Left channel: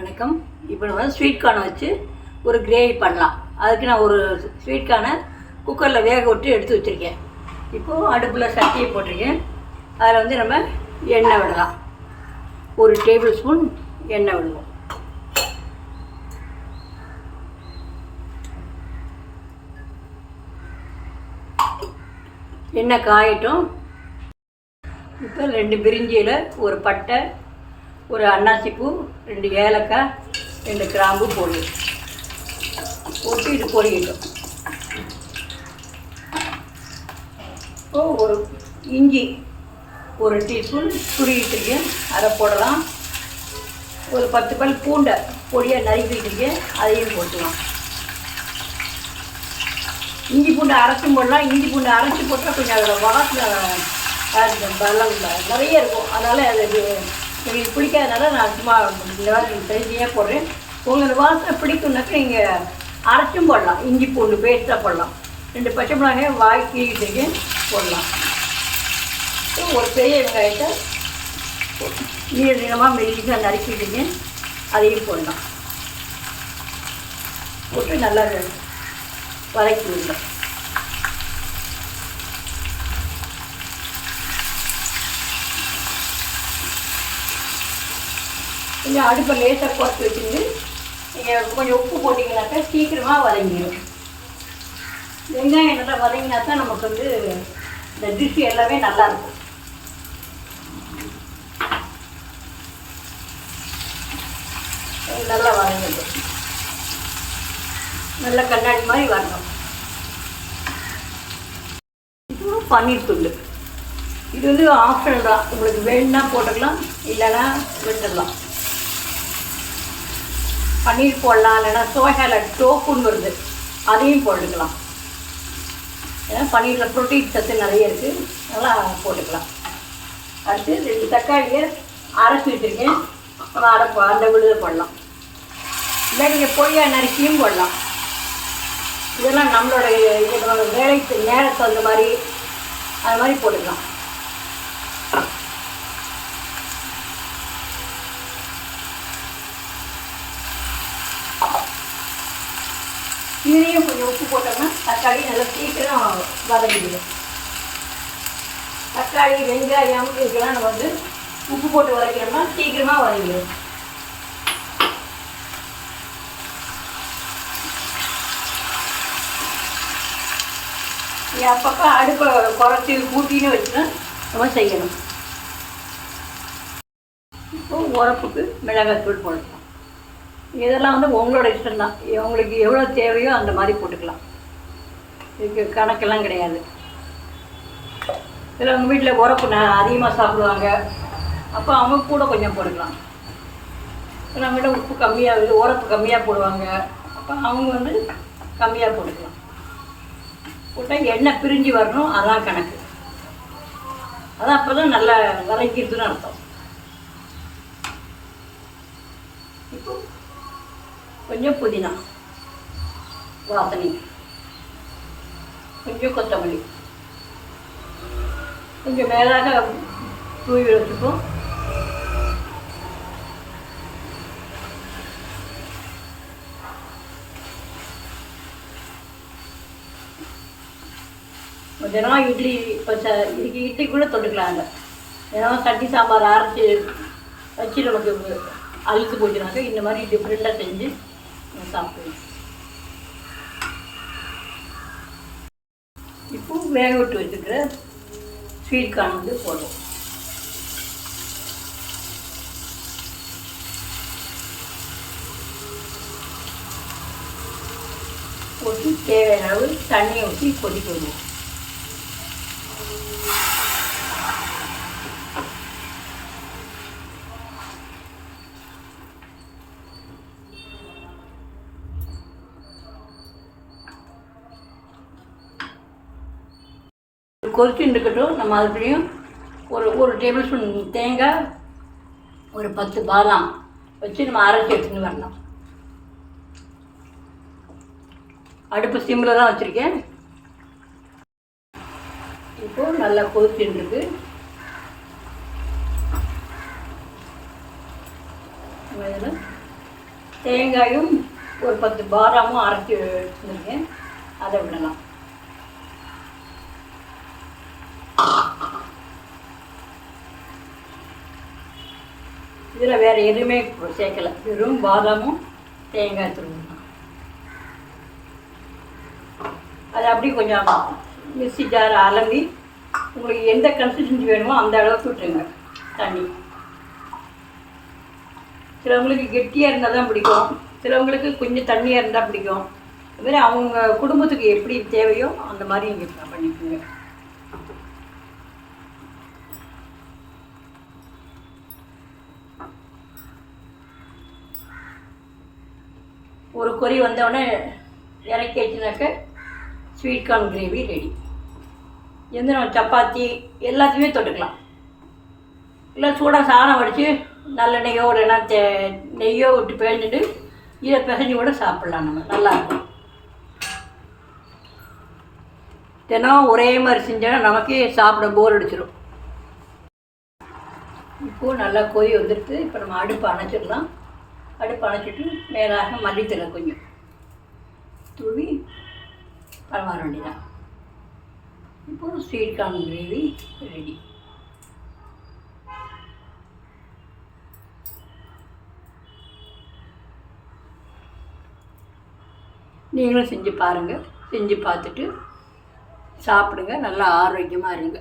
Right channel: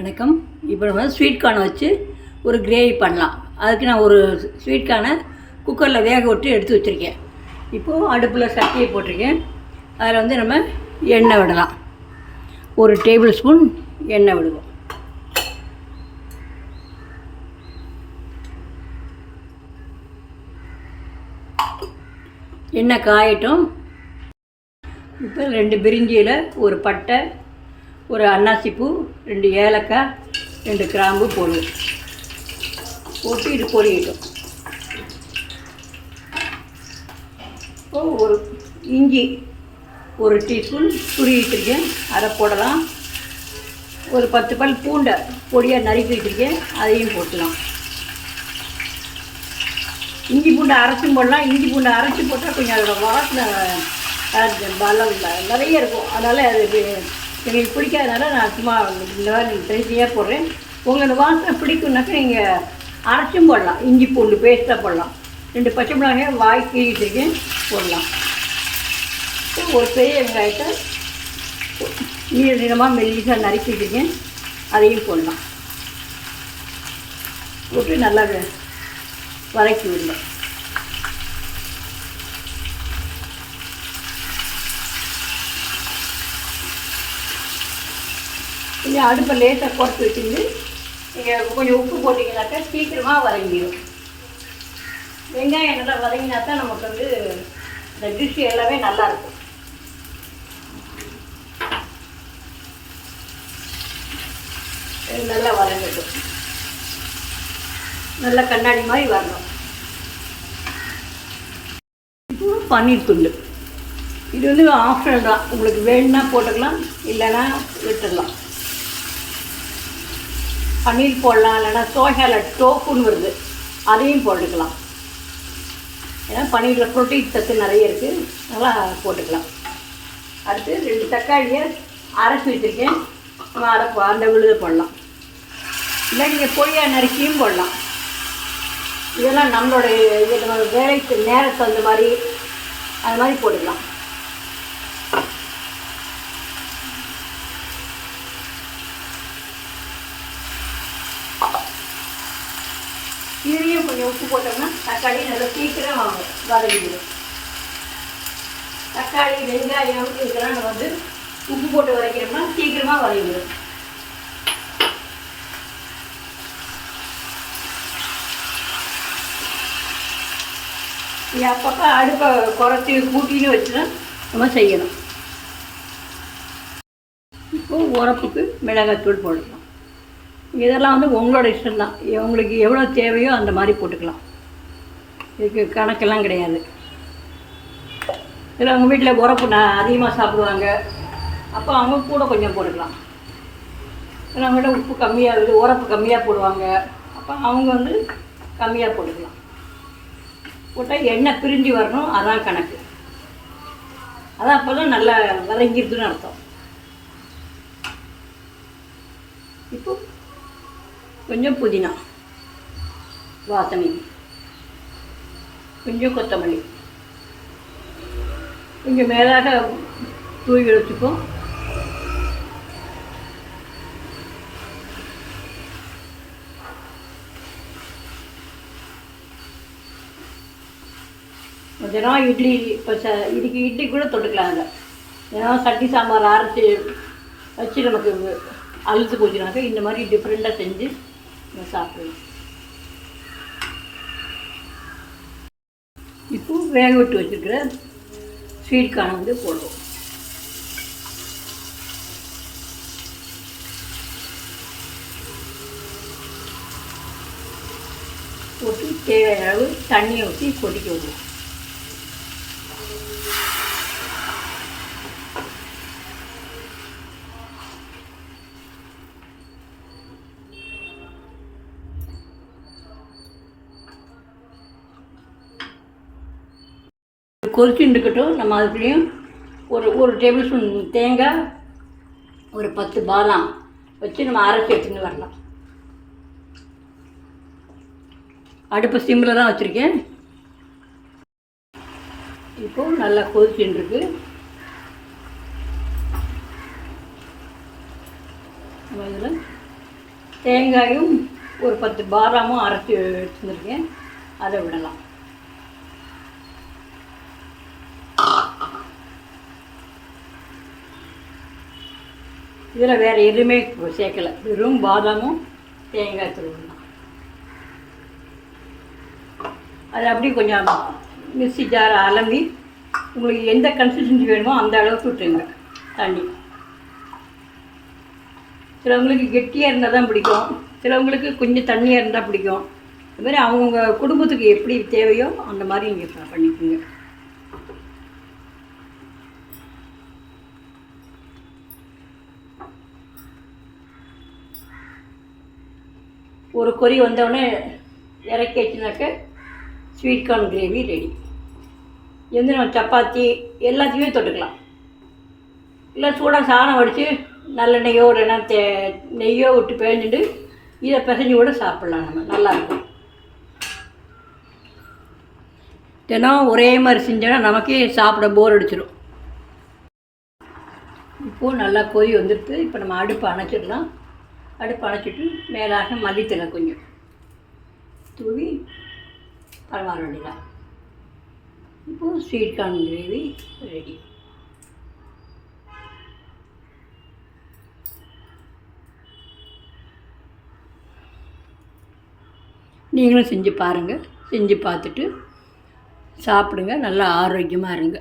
வணக்கம். இப்போ நம்ம ஸ்வீட் கார்னை வச்சு ஒரு கிரேவி பண்ணலாம். அதுக்கு நான் ஒரு ஸ்வீட் கார்னை குக்கரில் வேக விட்டு எடுத்து வச்சுருக்கேன். இப்போது அடுப்பில் சட்டியை போட்டிருக்கேன். அதில் நம்ம எண்ணெய் விடலாம். ஒரு டேபிள் ஸ்பூன் எண்ணெய் விடுவோம். எண்ணெய் காயட்டும். இப்போ 2 பிரிஞ்சி இலை, ஒரு பட்டை, ஒரு அன்னாசிப்பூ, 2 ஏலக்காய், 2 கிராம்பு போட்டு இது பொரியட்டும். இப்போது ஒரு இஞ்சி ஒரு டீஸ்பூன் துருவிட்டுருக்கேன், அதை போடலாம். ஒரு 10 பல் பூண்டை பொடியாக நறுக்கி வச்சுருக்கேன், அதையும் போட்டுக்கலாம். இஞ்சி பூண்டை அரைச்சும் போடலாம். இஞ்சி பூண்டை அரைச்சி போட்டால் கொஞ்சம் அதோட வாசனை பலம் நிறைய இருக்கும். அதனால் அது எங்களுக்கு பிடிக்காதனால நான் சும்மா இந்த மாதிரி ட்ரைஸியாக போடுறேன். உங்களுக்கு வாசனை பிடிக்கும்னாக்கா நீங்கள் அரைச்சும் போடலாம். இஞ்சி பூண்டு பேஸ்ட்டாக போடலாம். 2 பச்சை மிளகாயை வாய் கீழிட்டுருக்கேன், போடலாம். ஒரு பெரிய வெங்காயத்தை நீளமாக மெல்லிசாக நறுக்கிட்டுருக்கேன், அதையும் போடலாம். போட்டு நல்லா வதக்கி விடலாம். கொஞ்சம் அடுப்பை லேசாக குறைச்சி வச்சுருந்து நீங்கள் கொஞ்சம் உப்பு போட்டிங்கனாக்கா சீக்கிரமாக வதங்கிடும். வெங்காயம் நல்லா வதங்கினா தான் நமக்கு இந்த டிஷ் எல்லாமே நல்லாயிருக்கும். நல்லா வதங்கிடும். நல்லா கண்ணாடி மாதிரி வரணும். இப்போ பன்னீர் துண்டு, இது ஆப்ஷனல் தான். உங்களுக்கு வேணும்னா போட்டுக்கலாம், இல்லைன்னா விட்டுடலாம். பன்னீர் போடலாம், இல்லைன்னா சோயால டோஃபுன்னு வருது, அதையும் போட்டுக்கலாம். ஏன்னா பன்னீரில் ப்ரோட்டீன் சத்து நிறைய இருக்குது, அதனால் போட்டுக்கலாம். அடுத்து 2 தக்காளியை அரைச்சி வச்சுருக்கேன், அந்த விழுத போடலாம். இல்லை நீங்கள் பொடியாக நறுக்கியும் போடலாம். இதெல்லாம் நம்மளுடைய வேலைக்கு நேரத்தை அந்த மாதிரி அது மாதிரி போட்டுக்கலாம். இதுலேயும் கொஞ்சம் உப்பு போட்டோம்னா தக்காளி நல்லா சீக்கிரம் வதங்கிடும். தக்காளி வெங்காயம் இதுக்கெல்லாம் நம்ம உப்பு போட்டு வதக்கிறோம்னா சீக்கிரமாக வதங்கிடும். அப்பப்போ அடுப்பை குறைச்சி கூட்டின்னு வச்சுன்னா நம்ம செய்யணும். இப்போது உரப்புக்கு மிளகாத்தூள் போடலாம். இதெல்லாம் உங்களோட இஷ்டம்தான். உங்களுக்கு எவ்வளோ தேவையோ அந்த மாதிரி போட்டுக்கலாம். இதுக்கு கணக்கெல்லாம் கிடையாது. இதில் அவங்க வீட்டில் உரப்பு அதிகமாக சாப்பிடுவாங்க, அப்போ அவங்க கூட கொஞ்சம் போட்டுக்கலாம். சில விட உப்பு கம்மியாக உரப்பு கம்மியாக போடுவாங்க, அப்போ அவங்க கம்மியாக போட்டுக்கலாம். போட்டால் எண்ணெய் பிரிஞ்சு வரணும், அதான் கணக்கு. அதான் அப்போ தான் நல்லா வதங்கிடுதுன்னு அர்த்தம். இப்போ கொஞ்சம் புதினா வாசனை, கொஞ்சம் கொத்தமல்லி, கொஞ்சம் மேலாக தூவி வச்சுப்போம். தினம் இட்லி இப்போ இதுக்கு இட்லி கூட தொட்டுக்கலாம். அதை தினம் சட்னி சாம்பார் அரைச்சி வச்சு நமக்கு அழுத்து போச்சுனாக்கா இந்த மாதிரி டிஃப்ரெண்ட்டாக செஞ்சு சாப்பிடுவோம். இப்போ வேக விட்டு வச்சுருக்கிற ஸ்வீட் கார்ன் போடுவோம். போட்டு தேவையான அளவு தண்ணியை ஊற்றி கொதிக்க விடுவோம். கொதிச்சுட்டு இருக்கட்டும். நம்ம அதுக்குள்ளேயும் ஒரு டேபிள் ஸ்பூன் தேங்காய், ஒரு 10 பாதாம் வச்சு நம்ம அரைச்சி எடுத்துன்னு வரலாம். அடுப்பு சிம்மில் தான் வச்சுருக்கேன். இப்போது நல்லா கொதிச்சுட்டு இருக்கு. இதில் தேங்காயும் ஒரு 10 பாதாமும் அரைச்சி வச்சுருக்கேன், அதை விடலாம். இதில் வேறு எதுவுமே சேர்க்கலை, வெறும் பாதாமும் தேங்காய் துருவணும். அது அப்படி கொஞ்சம் மிக்ஸி ஜார் அலம்பி உங்களுக்கு எந்த கன்சிஸ்டன்சி வேணுமோ அந்த அளவுக்கு விட்டுருங்க தண்ணி. சிலவங்களுக்கு கெட்டியாக இருந்தால் தான் பிடிக்கும், சிலவங்களுக்கு கொஞ்சம் தண்ணியாக இருந்தால் பிடிக்கும். இது மாதிரி அவங்க குடும்பத்துக்கு எப்படி தேவையோ அந்த மாதிரி நீங்கள் பண்ணிக்கோங்க. ஒரு கொதி வந்தவுடனே இறக்கி வச்சுனாக்க ஸ்வீட் கார்ன் கிரேவி ரெடி. எந்த நம்ம சப்பாத்தி எல்லாத்தையுமே தொட்டுக்கலாம். இல்லை சூடாக சாதம் வடித்து நல்லெண்ணெய்யோ இல்லைன்னா நெய்யோ விட்டு பிழிஞ்சிட்டு இதை பிசைஞ்சு கூட சாப்பிட்லாம். நம்ம நல்லாயிருக்கும். தினம் ஒரே மாதிரி செஞ்சோன்னா நமக்கே சாப்பிட போர் அடிச்சிடும். இப்போது நல்லா கொதி வந்துடுது. இப்போ நம்ம அடுப்பு அணைச்சிடலாம். அடுப்பு அணைச்சிட்டு மேலாக மல்லித்தலை கொஞ்சம் தூவி பரவார வேண்டியதான். இப்போது ஸ்வீட் கார்ன் கிரேவி ரெடி. நீங்களும் செஞ்சு பாருங்கள். செஞ்சு பார்த்துட்டு சாப்பிடுங்க. நல்லா ஆரோக்கியமாக இருங்க.